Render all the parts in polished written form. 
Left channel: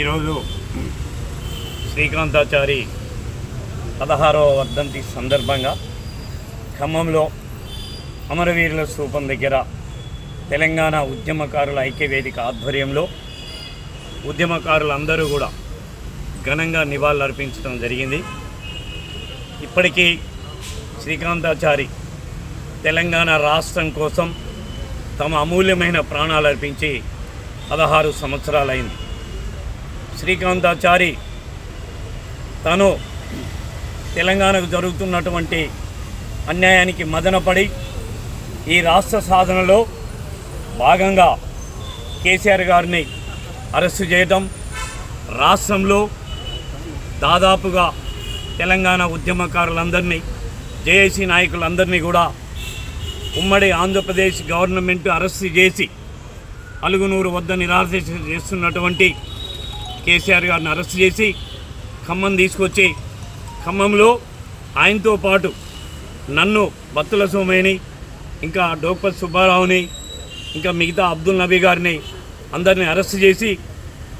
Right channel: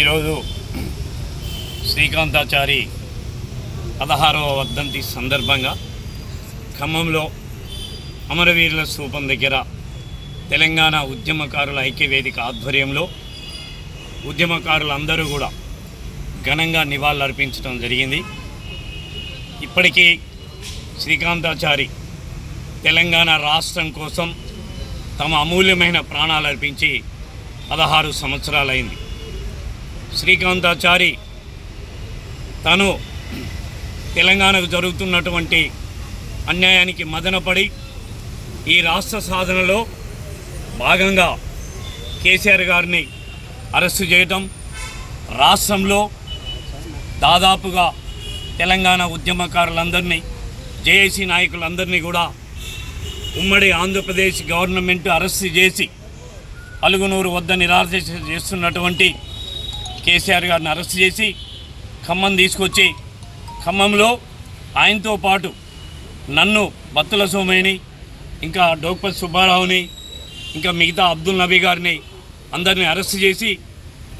ఈరోజు శ్రీకాంతాచారి 16వ వర్ధంతి సందర్భంగా ఖమ్మంలో అమరవీరుల స్తూపం దగ్గర తెలంగాణ ఉద్యమకారుల ఐక్యవేదిక ఆధ్వర్యంలో ఉద్యమకారులందరూ కూడా ఘనంగా నివాళులర్పించడం జరిగింది. ఇప్పటికీ శ్రీకాంతాచారి తెలంగాణ రాష్ట్రం కోసం తమ అమూల్యమైన ప్రాణాలు అర్పించి 16 సంవత్సరాలైంది. శ్రీకాంతాచారి తను తెలంగాణకు జరుగుతున్నటువంటి అన్యాయానికి మదనపడి ఈ రాష్ట్ర సాధనలో భాగంగా కేసీఆర్ గారిని అరెస్టు చేయడం, రాష్ట్రంలో దాదాపుగా తెలంగాణ ఉద్యమకారులందరినీ, జేఏసీ నాయకులందరినీ కూడా ఉమ్మడి ఆంధ్రప్రదేశ్ గవర్నమెంట్ అరెస్టు చేసి అలుగునూరు వద్ద నిరాశ చేస్తున్నటువంటి కేసీఆర్ గారిని అరెస్ట్ చేసి ఖమ్మం తీసుకొచ్చి ఖమ్మంలో ఆయనతో పాటు నన్ను, బత్తుల సోమయ్యని, ఇంకా డోక్పతి సుబ్బారావుని, ఇంకా మిగతా అబ్దుల్ నబీ గారిని అందరినీ అరెస్ట్ చేసి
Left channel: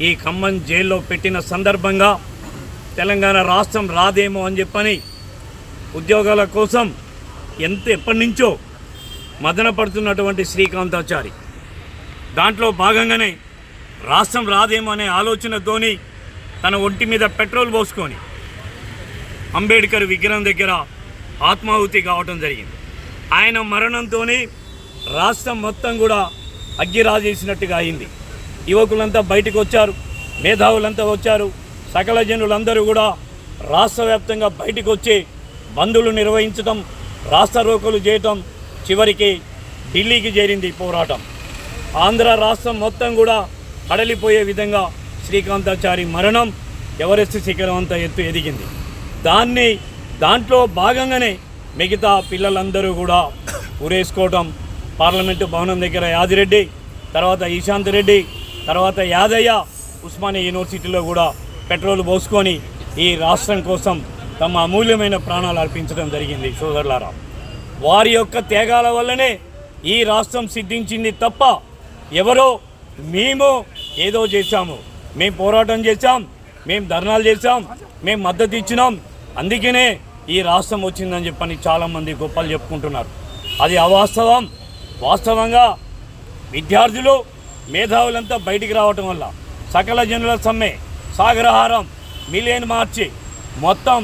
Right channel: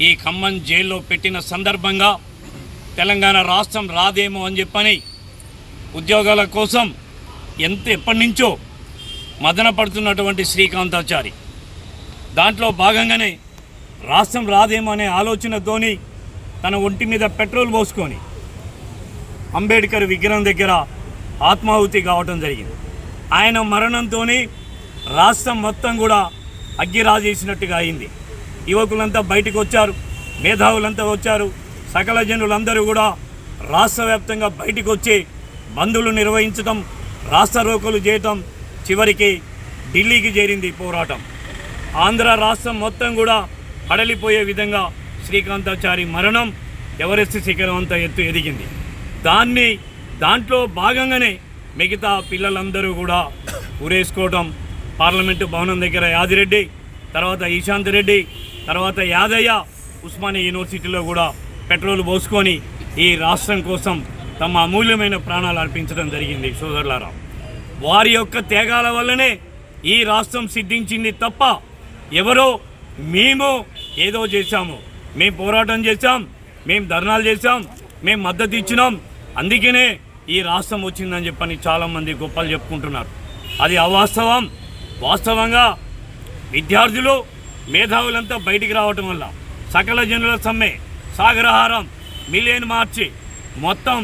ఈ ఖమ్మం జైల్లో పెట్టిన సందర్భంగా తెలంగాణ రాష్ట్రం రాదేమో అని చెప్పని ఉద్యోగాల కోసం ఎప్పటి నుంచో మదన పడుతున్నటువంటి శ్రీకాంతాచారి దాంట్లో భాగంగానే రాష్ట్రం రాదేమో అనే ఆలోచనతోని తన ఒంటి మీద పెట్రోల్ పోసుకొని అంబేద్కర్ విగ్రహం దగ్గర ఆత్మాహుతి కావటం జరిగింది. ఆయన మరణంతో రాష్ట్రం మొత్తం కూడా అగ్గిరాజేసినట్టుగా అయింది. యువకులంతా బయటకు వచ్చారు, మేధావులంతా వచ్చారు, సకల జనులందరూ కూడా రాష్ట్ర వ్యాప్తంగా బయటకు వచ్చి బంధులు నిర్వహించడం, రాస్తారోకోలు చేయటం, చివరికి ఢిల్లీకి చేరింది పోరాటం. ఆంధ్ర రాష్ట్రం మొత్తం కూడా అడలిపోయే విధంగా శ్రీకాంతాచారి మరణం ఎవరెస్ట్ శిఖరం అంతా ఎత్తు ఎదిగింది. దాంట్లో భాగంగానే మిగతా పిల్లలందరూ కూడా ఊరేసుకోవటం, పార్లమెంటు భవనం దగ్గర యాదిరెడ్డి, తర్వాత ఈశాంత్ రెడ్డి, తర్వాత యాదయ్య ఉస్మానియా యూనివర్సిటీలో కూడా పెట్రోల్ పోసుకొని ఈ రాష్ట్రం కోసం తమ అమూల్యమైన ప్రాణాలు అర్పించడం జరిగింది. సోదరులారా, వారి యొక్క త్యాగాల వల్లనే ఈ రాష్ట్రం సిద్ధించింది తప్ప ఎవరో మేము ఏదో చేశాము, మేము పోరాటం చేశాం, మేము ధర్నాలు చేశాం, మేము మద్దతు ఇచ్చినాం, అందుకనే ఈ రాష్ట్రం వచ్చిందని చెప్పని చాలామంది గొప్పలు చెప్పుకుంటున్నారు. అది అవాస్తవం. వాస్తవంగా విద్యార్థులు, మేధావులంతా బయటికి రావటం వల్ల సకల జనుల సమ్మె, సాగరహారం, మిలియన్ మార్చి మొత్తం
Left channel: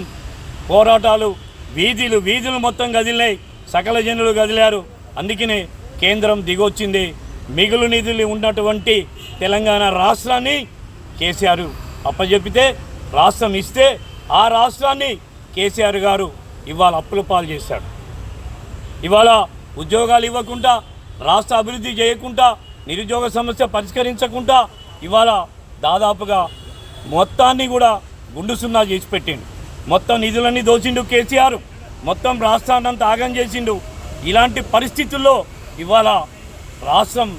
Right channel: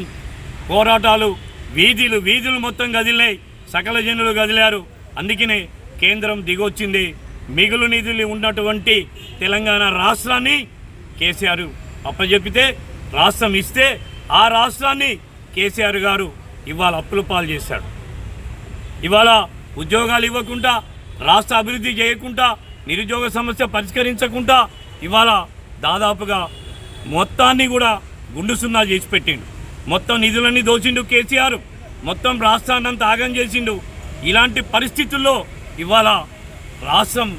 పోరాటాలు, వీధులు మొత్తం కదిలినాయి, సకల జనులు కదిలారు. అందుకనే కేంద్రం దిగొచ్చింది. మిగులు నిధులు ఉన్నటువంటి తెలంగాణ రాష్ట్రాన్ని కేసీఆర్ అప్పచెప్పితే, రాష్ట్రం ఇస్తే ఆ రాష్ట్రాన్ని కేసీఆర్ గారు ఇవాళ అప్పుల పాలు చేశాడు. ఇవాళ ఉద్యోగాలు ఇవ్వకుండా, రాష్ట్ర అభివృద్ధి చేయకుండా, నిరుద్యోగ సమస్య పరిష్కరించకుండా ఇవాళ దాదాపుగా మొత్తాన్ని కూడా గుండు సున్నా చేసి పెట్టిండు. మొత్తం నిధులన్నీ దోచిండు కేసీఆర్, మొత్తం రాష్ట్రాన్ని అంతా ఆగం చేసిండు. ఇలాంటి పరిస్థితుల్లో ఇవాళ రాష్ట్రం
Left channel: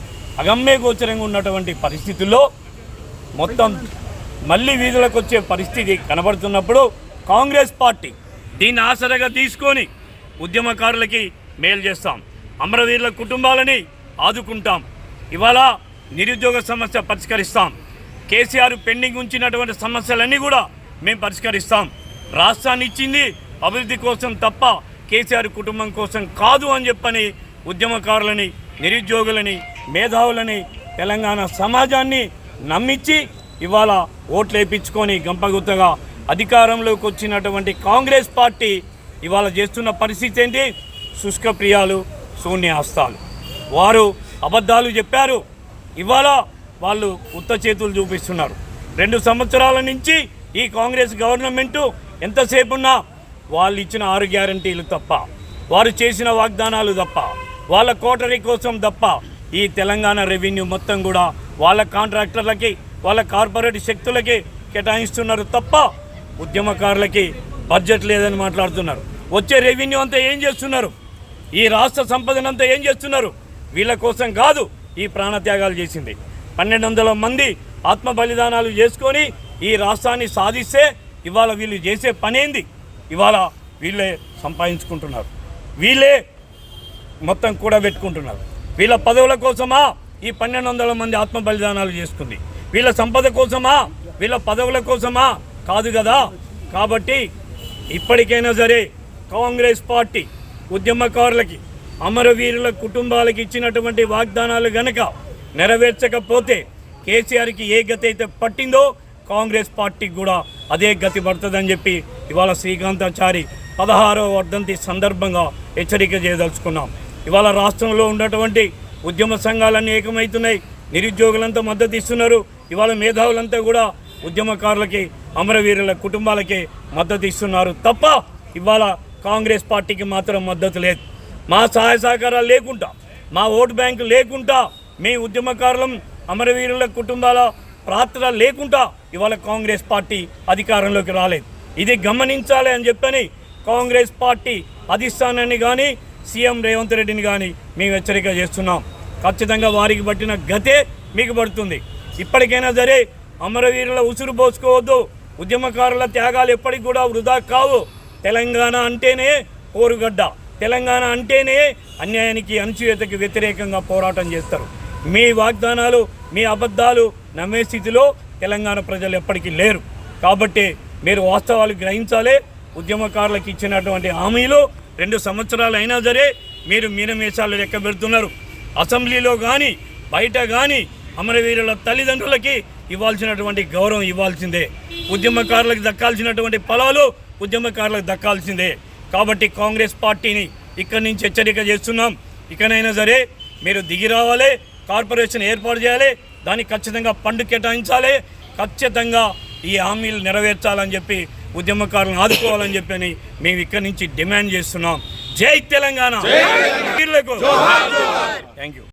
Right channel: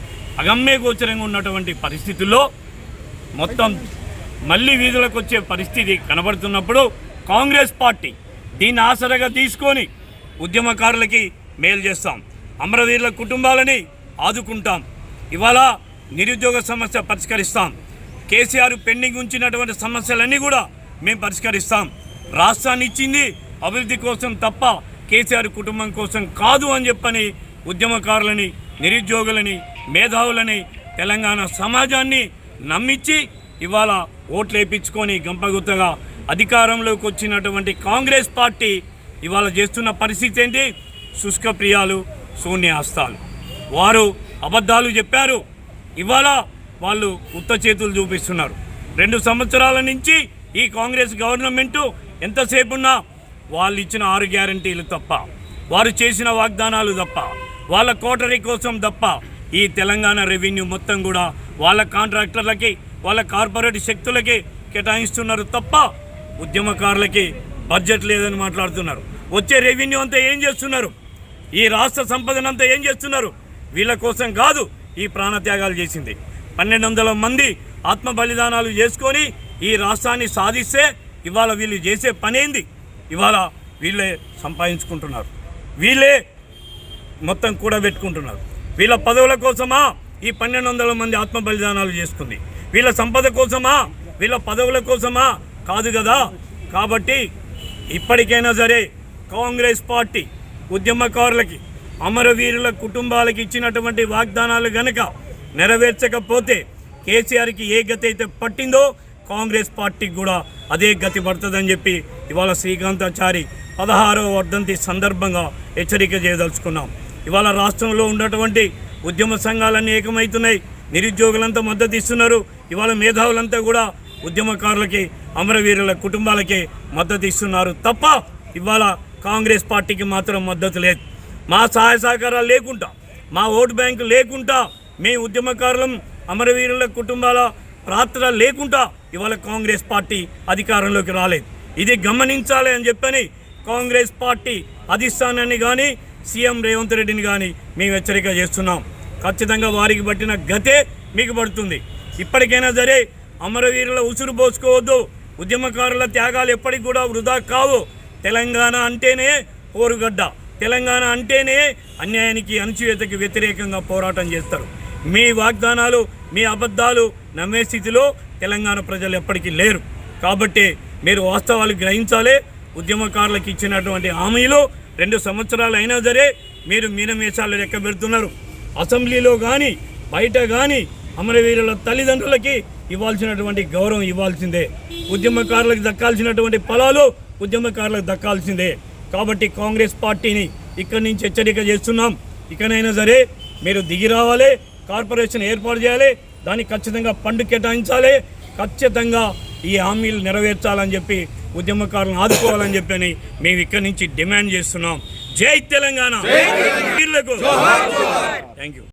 అగమ్య గోచరంగా ఉన్నటువంటి పరిస్థితుల్లో మొత్తం మళ్ళీ వీధులకు వచ్చే పరిస్థితి కనబడుతున్నప్పుడు కాంగ్రెస్ పార్టీ దీన్ని ఆసరగా తీసుకొని ఉద్యమకారులకి మేలు చేస్తాం, అమరవీరుల కుటుంబాలని ఆదుకుంటాం, ఇవాళ నిరుద్యోగ సమస్య పరిష్కరిస్తాం, కేసీఆర్ పెండింగ్ ఉంచినటువంటి సమస్యలన్నీ కూడా మేము పరిష్కరిస్తాం, రాష్ట్రాన్ని ఇచ్చింది అభివృద్ధి కోసం తప్ప కేసీఆర్ కుటుంబం కోసం కాదు అని చెప్పని ఉద్యమకారులని, నిరుద్యోగులని, మేధావులని, తెలంగాణ సమాజాన్ని నమ్మించి ఇవాళ ఓట్లు వేయించుకొని గంపగుత్తగా అధికారంలోకి వచ్చినటువంటి కాంగ్రెస్ పార్టీ ఇవాళ చేస్తున్న పరిస్థితి ఏంటి? శుష్క ప్రియాలు, శూన్యహస్తాలు. వారు అబద్ధాలు చెప్పారు, ఇవాళ వాళ్ళు ఉత్త చేతులు చూపిస్తున్నారు. 2 సంవత్సరాల నుంచి ఈ కాంగ్రెస్ గవర్నమెంటు ఎంతసేపున్నా వాళ్ళు ఇచ్చిన 6 గ్యారంటీలు తప్ప, వారు చేసిన వాగ్దానాలు తప్ప, వాళ్ళ కోటరీ కోసం తప్ప ఈ తెలంగాణ రెవెన్యూ మొత్తం కూడా వాళ్ళ కాంట్రాక్టర్లకి, వాళ్ళ కార్పొరేట్ శక్తులకి కేటాయిస్తున్నారు తప్ప ఉద్యమకారులకి బడ్జెట్ లేదని మాట్లాడుతున్నారు. వచ్చే రెవెన్యూ అంతా ఏం చేస్తున్నారు? ఈ రాష్ట్ర సంపదనంతా ఏం చేస్తున్నారు? వీళ్ళ కోసం కాదు ఈ ప్రాణత్యాగాలు చేసింది. 1200 మంది ఆత్మ బలిదానాలు చేసుకొని ఈ రాష్ట్రాన్ని సాధిస్తే ఇవాళ వీళ్ళు చేసే పనేంది? ఇవాళ వీళ్ళే సంపాదించుకుంటున్నారు, వీళ్ళే మొత్తం కూడా పెట్టుకుంటున్నారు. వీళ్ళ పదవుల కోసమా ఈ 1200 మంది ఆత్మ బలిదానాలు చేసుకుంది? వీళ్ళ సంపద కోసమా, వీళ్ళ పదవుల కోసమా? కాదు కదా. కాబట్టి ఇప్పటికైనా సరే కాంగ్రెస్ పార్టీ ఉద్యమకారులకి, అమరవీరుల కుటుంబాలకి ఇచ్చినటువంటి వాగ్దానాలు గనక నెరవేర్చకపోతే కేసీఆర్కి ఏ గతి అయితే పట్టిందో కాంగ్రెస్ పార్టీకి కూడా అదే గతి పడుతుందని చెప్పి ఇవాళ శ్రీకాంతాచారి 16వ వర్ధంతి సందర్భంగా హెచ్చరిక చేయదలుచుకున్నాం. ఇవాళ రాష్ట్రంలో ఉన్నటువంటి ఉద్యమ సంఘాలన్నీ ఏకమవుతున్నాయి, నిరుద్యోగులంతా మద్దతు ఇస్తున్నారు. ఇవాళ మేధావులంతా కూడా ఉద్యమకారులకి, అమరవీరుల కుటుంబాలకి మద్దతు ఇస్తున్నారు తప్ప ఇవాళ కాంగ్రెస్ పార్టీకి మాత్రం మద్దతు లేదు. మా సహాయ సహకారాలు లేకుండా, మా ఓటు బ్యాంకు లేకుండా, మీ ఉద్యమకారులం, అమరవీరుల కుటుంబాల పాత్ర లేకుండా ఇవాళ కాంగ్రెస్ పార్టీ అధికారంలోకి రాలేదు. ఇది గమనించాలి అని చెప్పని కాంగ్రెస్ పార్టీ అధిష్టానాన్ని కానీ, సీఎం రేవంత్ రెడ్డిని కానీ మేము హెచ్చరిక చేస్తున్నాం. ఖచ్చితంగా వారికి పట్టిన గతే మీకు పడుతుంది. ఇప్పటికైనా సరే అమరవీరుల ఉసురు పోసుకోవద్దు. ఉద్యమకారుల త్యాగాలు ఎప్పటికి కూడా వృధా కావు. తెలంగాణ అంటేనే పోరుగడ్డ, తెలంగాణ అంటేనే అన్యాయానికి, అణచివేతకి వ్యతిరేకంగా పోరాటం చేస్తారు. మీ వాగ్దానాలు, మీ అబద్ధాలు నమ్మే స్థితిలో తెలంగాణ ప్రజలు ఎప్పటికీ లేరు. కాబట్టి మీరు వాస్తవాలు గ్రహించాలి. ఉద్యమకారులకు ఇచ్చినటువంటి హామీలు 2 సంవత్సరాలు అయినా సరే మీరు మీనమేషాలు లెక్క పెడుతున్నారు. అసెంబ్లీలో కానీ బయట కానీ అమరవీరుల తల్లిదండ్రులకి ఇవ్వాల్సినటువంటి గౌరవం ఇవ్వాల్సిందే. ఉద్యమకారులకు దక్కాల్సినటువంటి ఫలాలు ఉద్యమకారులకు దక్కాల్సిందే. కాబట్టి కాంగ్రెస్ పార్టీని ఇక్కడి నుంచి హెచ్చరిక చేస్తున్నాం. ఇకనైనా సరే మీరు దిగి రావాలి, కార్పొరేషన్ ఏర్పాటు చేయాలి, దానికి ఖచ్చితంగా ఫండ్ కేటాయించాలి, ఖచ్చితంగా ఈ హామీలు నెరవేర్చాలని చెప్పి ఉద్యమకారులను ఆదుకోవాలని చెప్పని మేము ఇక్కడి నుంచి డిమాండ్ చేస్తున్నాం. జై తెలంగాణ. Thank you.